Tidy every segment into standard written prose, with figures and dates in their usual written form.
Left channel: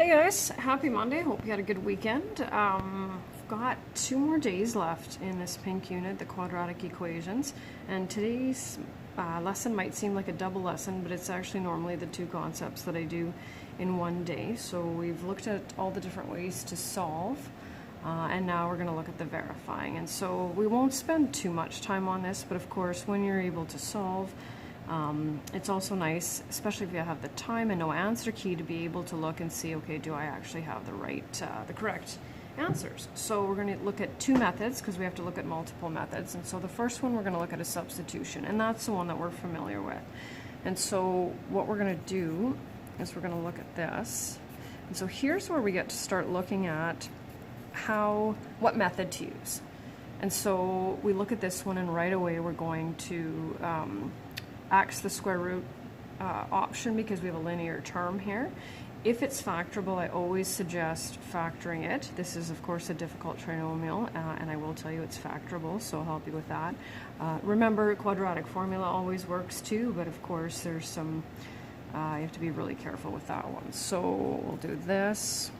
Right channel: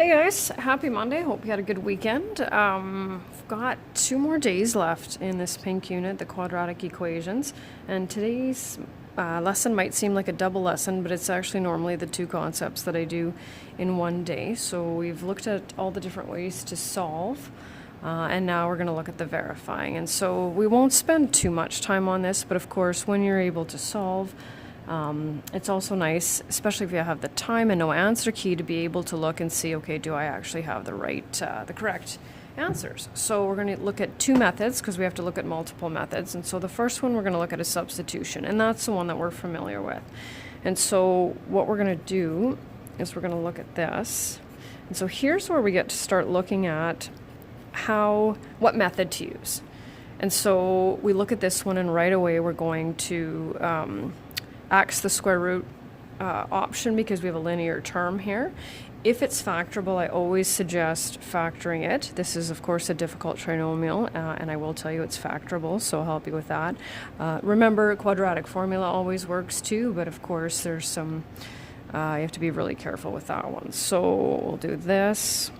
Hey guys, happy Monday. Hope you had a good weekend. I've got 2 more days left in this pink unit, the quadratic equations, and today's lesson might seem like a double lesson, but it's actually normally the 2 concepts that I do in one day. So we've looked at all the different ways to solve, and now we're going to look at the verifying. And so we won't spend too much time on this, but of course when you're able to solve, it's also nice, especially if you have the time and no answer key, to be able to look and see, okay, do I actually have the correct answers? So we're going to look at 2 methods because we have to look at multiple methods. And so the first one we're going to look at is substitution, and that's the one that we're familiar with. And so what we're going to do is we're going to look at this. And so here's where we get to start looking at what method to use. And so we look at this one, and right away we're going to axe the square root option because we have a linear term here. If it's factorable, I always suggest factoring it. This is, of course, a difficult trinomial, and I will tell you it's factorable, so I'll help you with that. Remember, quadratic formula always works too, but of course there's some, you have to be really careful with that one. So we'll do this.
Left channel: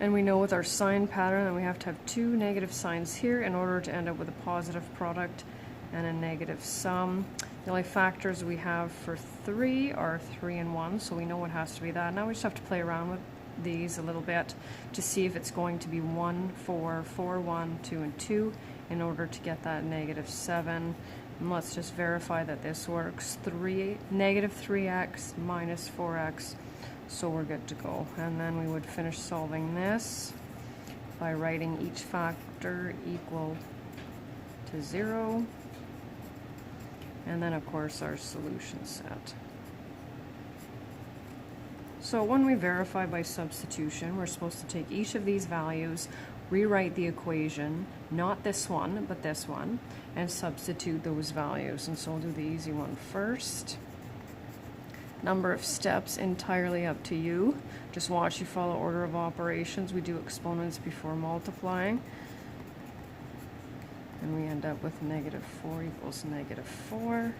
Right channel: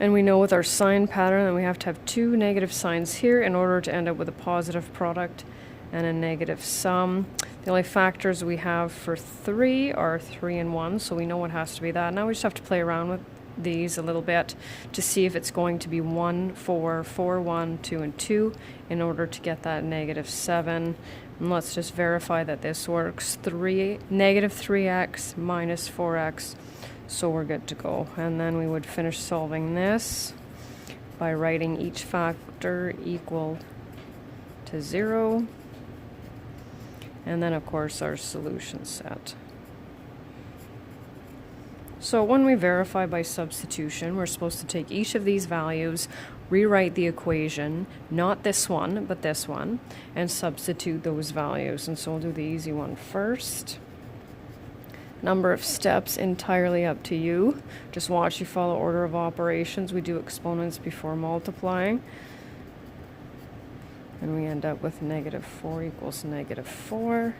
And we know with our sign pattern that we have to have 2 negative signs here in order to end up with a positive product and a negative sum. The only factors we have for 3 are 3 and 1, so we know it has to be that. Now we just have to play around with these a little bit to see if it's going to be 1, 4, 4, 1, 2, and 2 in order to get that negative 7. And let's just verify that this works. Negative 3x minus 4x, so we're good to go. And then we would finish solving this by writing each factor equal to 0. And then, of course, our solution set. So when we verify by substitution, we're supposed to take each of these values, rewrite the equation, not this one, but this one, and substitute those values. And so I'll do the easy one first. Number of steps entirely up to you. Just watch you follow order of operations. We do exponents before multiplying. And we end up with negative 4 equals negative 4.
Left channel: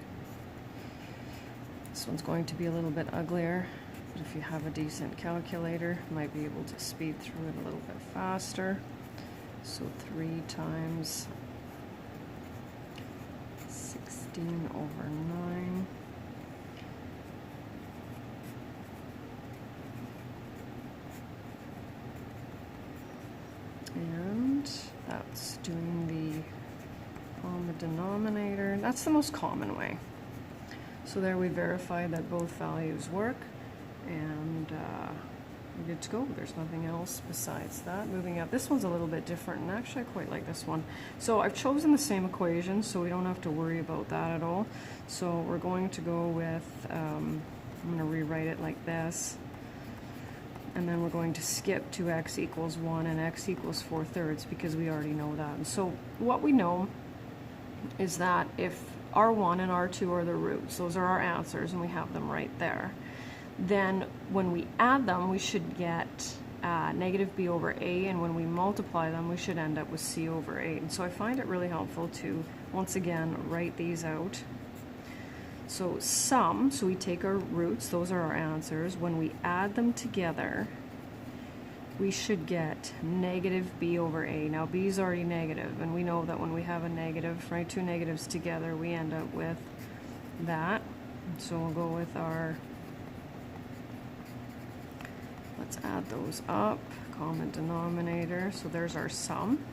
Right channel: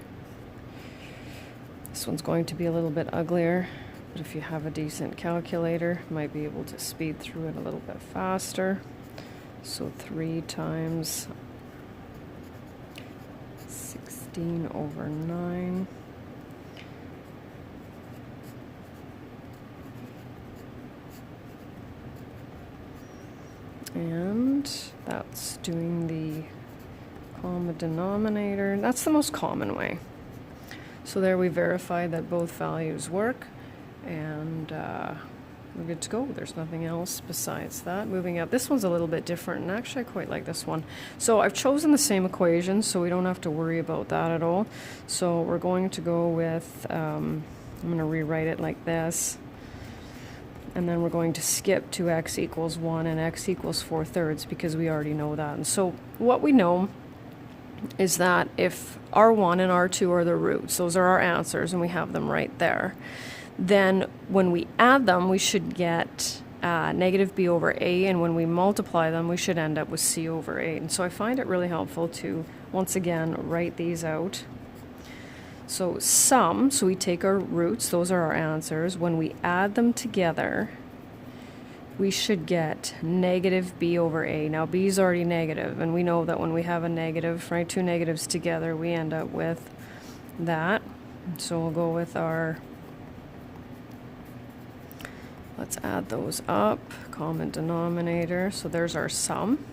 This one's going to be a little bit uglier, but if you have a decent calculator, you might be able to speed through it a little bit faster. So 3 times 16 over 9. And that's doing the common denominator. That's the most common way. So there we verified that both values work, and we're good to go. There's nothing else besides that. Moving up, this one's a little bit different, and actually I quite like this one. So I've chosen the same equation, so we don't have to worry about that at all. So we're going to go with, I'm going to rewrite it like this. And then we're going to skip to x equals 1 and x equals 4/3 because we already know that. And so what we know is that if R1 and R2 are the roots, those are our answers, and we have them right there, then when we add them, we should get negative b over a, and when we multiply them, we should end up with c over a. And so I find it really helpful to, once again, write these out. So sum, so we take our roots, those are our answers. When we add them together, we should get negative b over a. Now b is already negative, and we know that when we have a negative, right, 2 negatives together, we end up with that. So we'll go with our, let's add those up, common denominator. So there's our sum.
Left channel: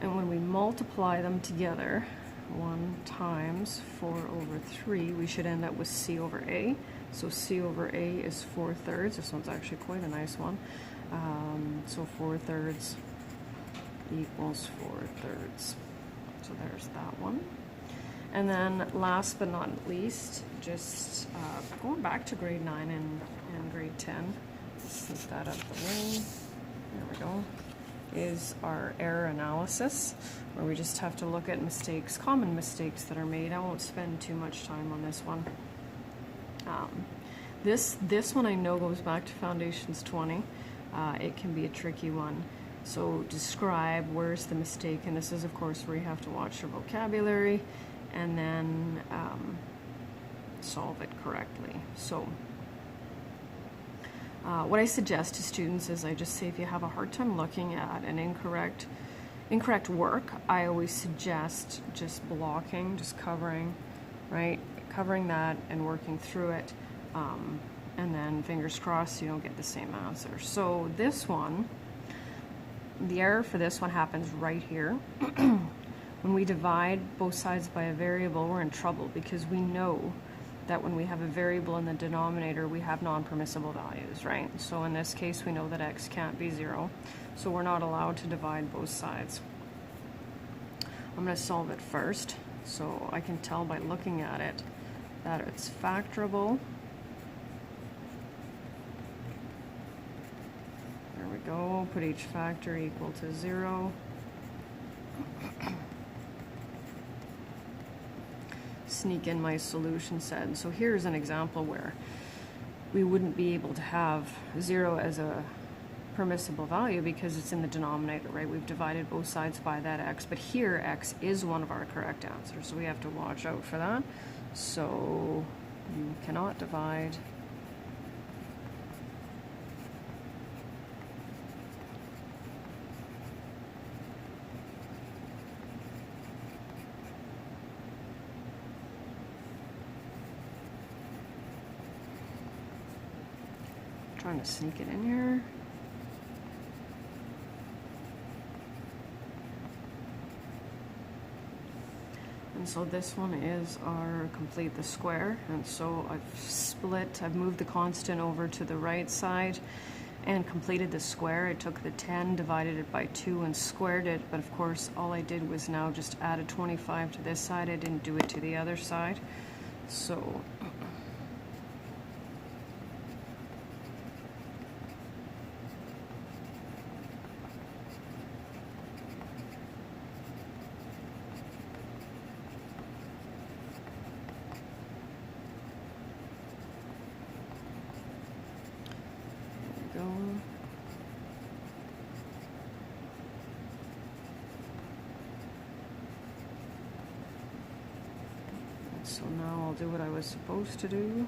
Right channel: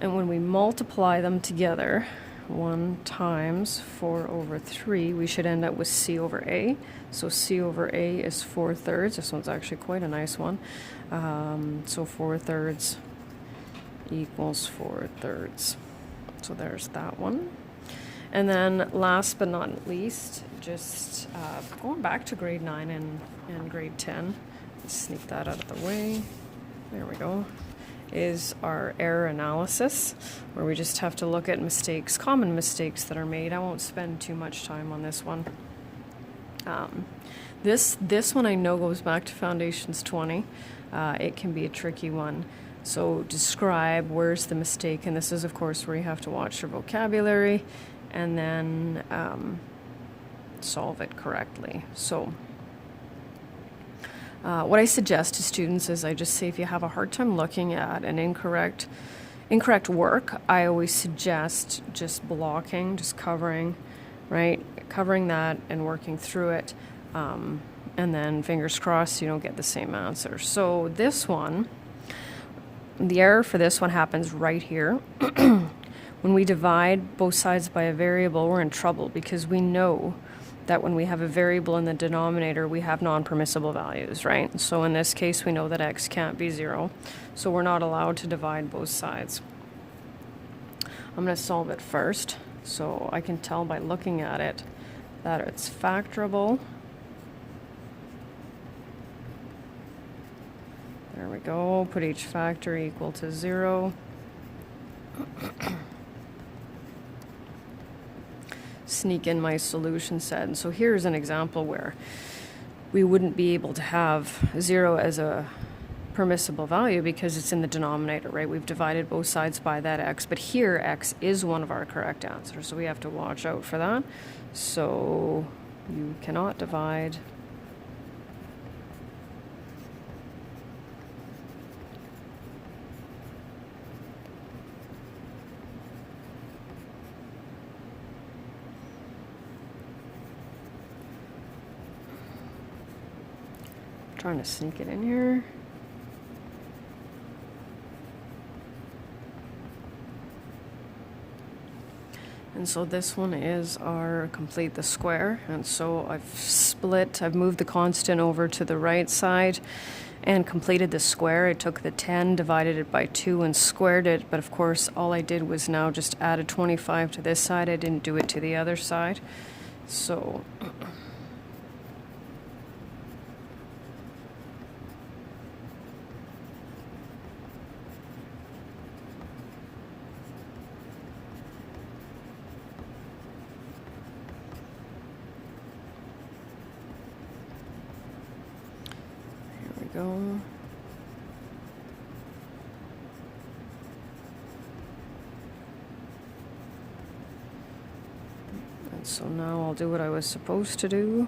And when we multiply them together, 1 times 4 over 3, we should end up with c over a. So c over a is 4/3. This one's actually quite a nice one. So 4/3 equals 4/3. So there's that one. And then last but not least, just going back to grade 9 and grade 10, let's sneak that out of the way. There we go. Is our error analysis, where we just have to look at mistakes, common mistakes that are made. I won't spend too much time on this one. This one I know goes back to Foundations 20. It can be a tricky one. So describe where's the mistake, and this is of course where you have to watch your vocabulary and then solve it correctly. So What I suggest to students is I just say if you have a hard time looking at an incorrect work, I always suggest just blocking, just covering, right? Covering that and working through it. And then fingers crossed you don't get the same answer. So this one, the error for this one happens right here. When we divide both sides by a variable, we're in trouble because we know that when we have a variable in the denominator, we have non-permissible values, right? So in this case, we know that x can't be 0, so we're not allowed to divide both sides. I'm going to solve it first, so I can tell by looking at it that it's factorable. There we go, put each factor equal to 0. Sneak in my solution set. And so here's an example where we wouldn't be able to have 0 as a permissible value because it's in the denominator, right? We've divided both sides by that x, but here x is one of our correct answers, so we have to watch out for that. So you cannot divide trying to sneak it in here. And so this one is our complete the square. And so I've moved the constant over to the right side and completed the square. I took the 10, divided it by 2 and squared it. But of course, all I did was now just add a 25 to this side. I didn't do it to the other side. So go. And so now I'll do what I was supposed to do.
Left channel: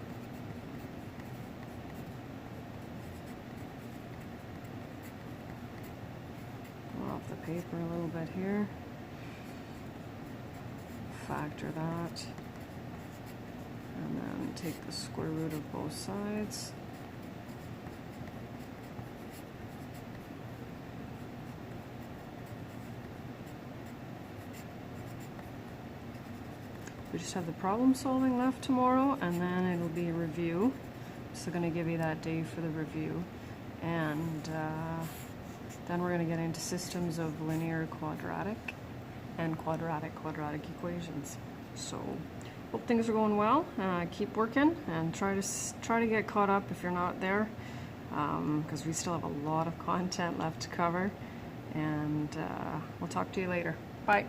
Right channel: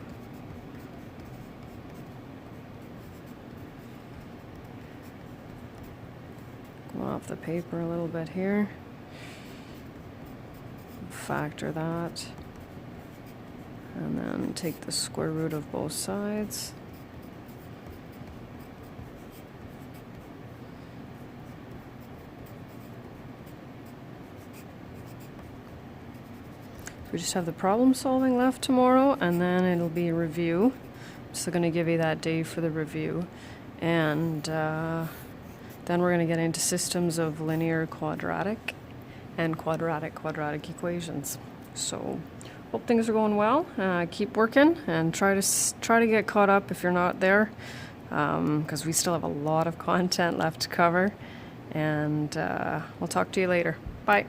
Go off the paper a little bit here. Factor that. And then take the square root of both sides. We just have the problem solving left tomorrow, and then it'll be a review. So going to give you that day for the review. And then we're going to get into systems of linear quadratic and quadratic equations. So hope things are going well. Keep working and try to get caught up if you're not there, because we still have a lot of content left to cover. And we'll talk to you later. Bye.